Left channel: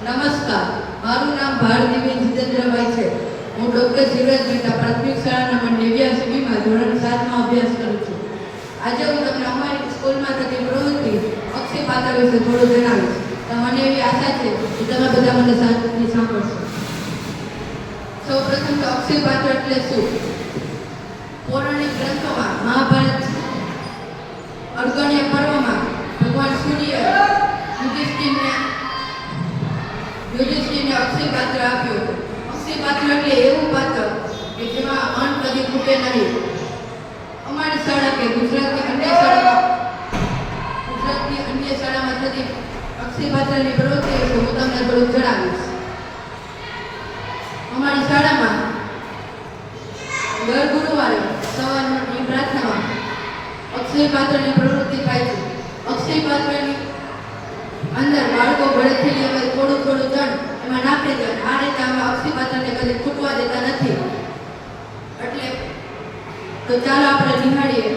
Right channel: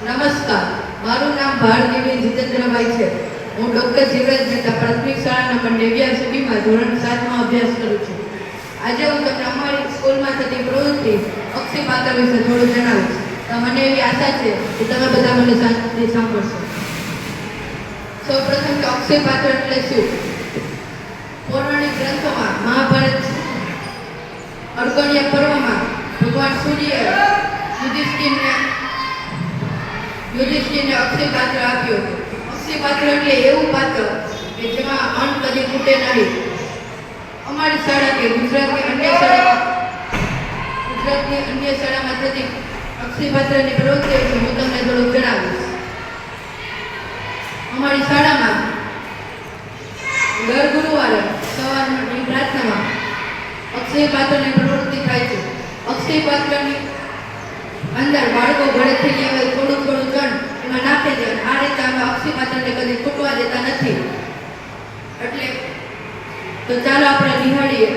નમસ્કાર, મારું નામ ભારતીબેન જીતેન્દ્રભાઈ છે. હું ડૉક્ટર જીવરાજ મહેતા પ્રાથમિક શાળા નંબર 89 માં ધોરણ 7 માં અભ્યાસ કરું છું. આજે હું તમને અમારી સ્કૂલમાં થતી પ્રવૃત્તિ અક્ષય પાત્ર વિશે થોડું જણાવીશ. તો મને એવી આશા છે કે તમે બધા મને શાંતિથી સાંભળશો. સૌપ્રથમ તો અક્ષય પાત્ર એટલે શું? પૌરાણિક ગ્રંથોમાં મહાભારત અર્ગણ્ય પર્વમાં ભગવાન સૂર્ય યુધિષ્ઠિરને અક્ષય પાત્ર આપ્યું હતું. અક્ષય પાત્ર એટલે એવું પાત્ર કે જેમાં અન્ન કદી ખૂટે નહીં. અમારી શાળા કે ગુજરાતની અન્ય શાળામાં થતી અક્ષય પાત્રની પ્રવૃત્તિ વિશે હું તમને થોડુંક જણાવીશ. અમારી શાળામાં દર ગુરુવારે સવારની પ્રાર્થનામાં અક્ષય પાત્રની પ્રવૃત્તિ થાય છે. અક્ષય પાત્રની અંદર બાળકો ઘરેથી લેવા થોડું ધન એમાં નાખી દે. આ રીતે આમાં અક્ષય પાત્રને કદી ખૂટવા દેતા નથી. એટલે તો ચાલો આપણે નિહાળીએ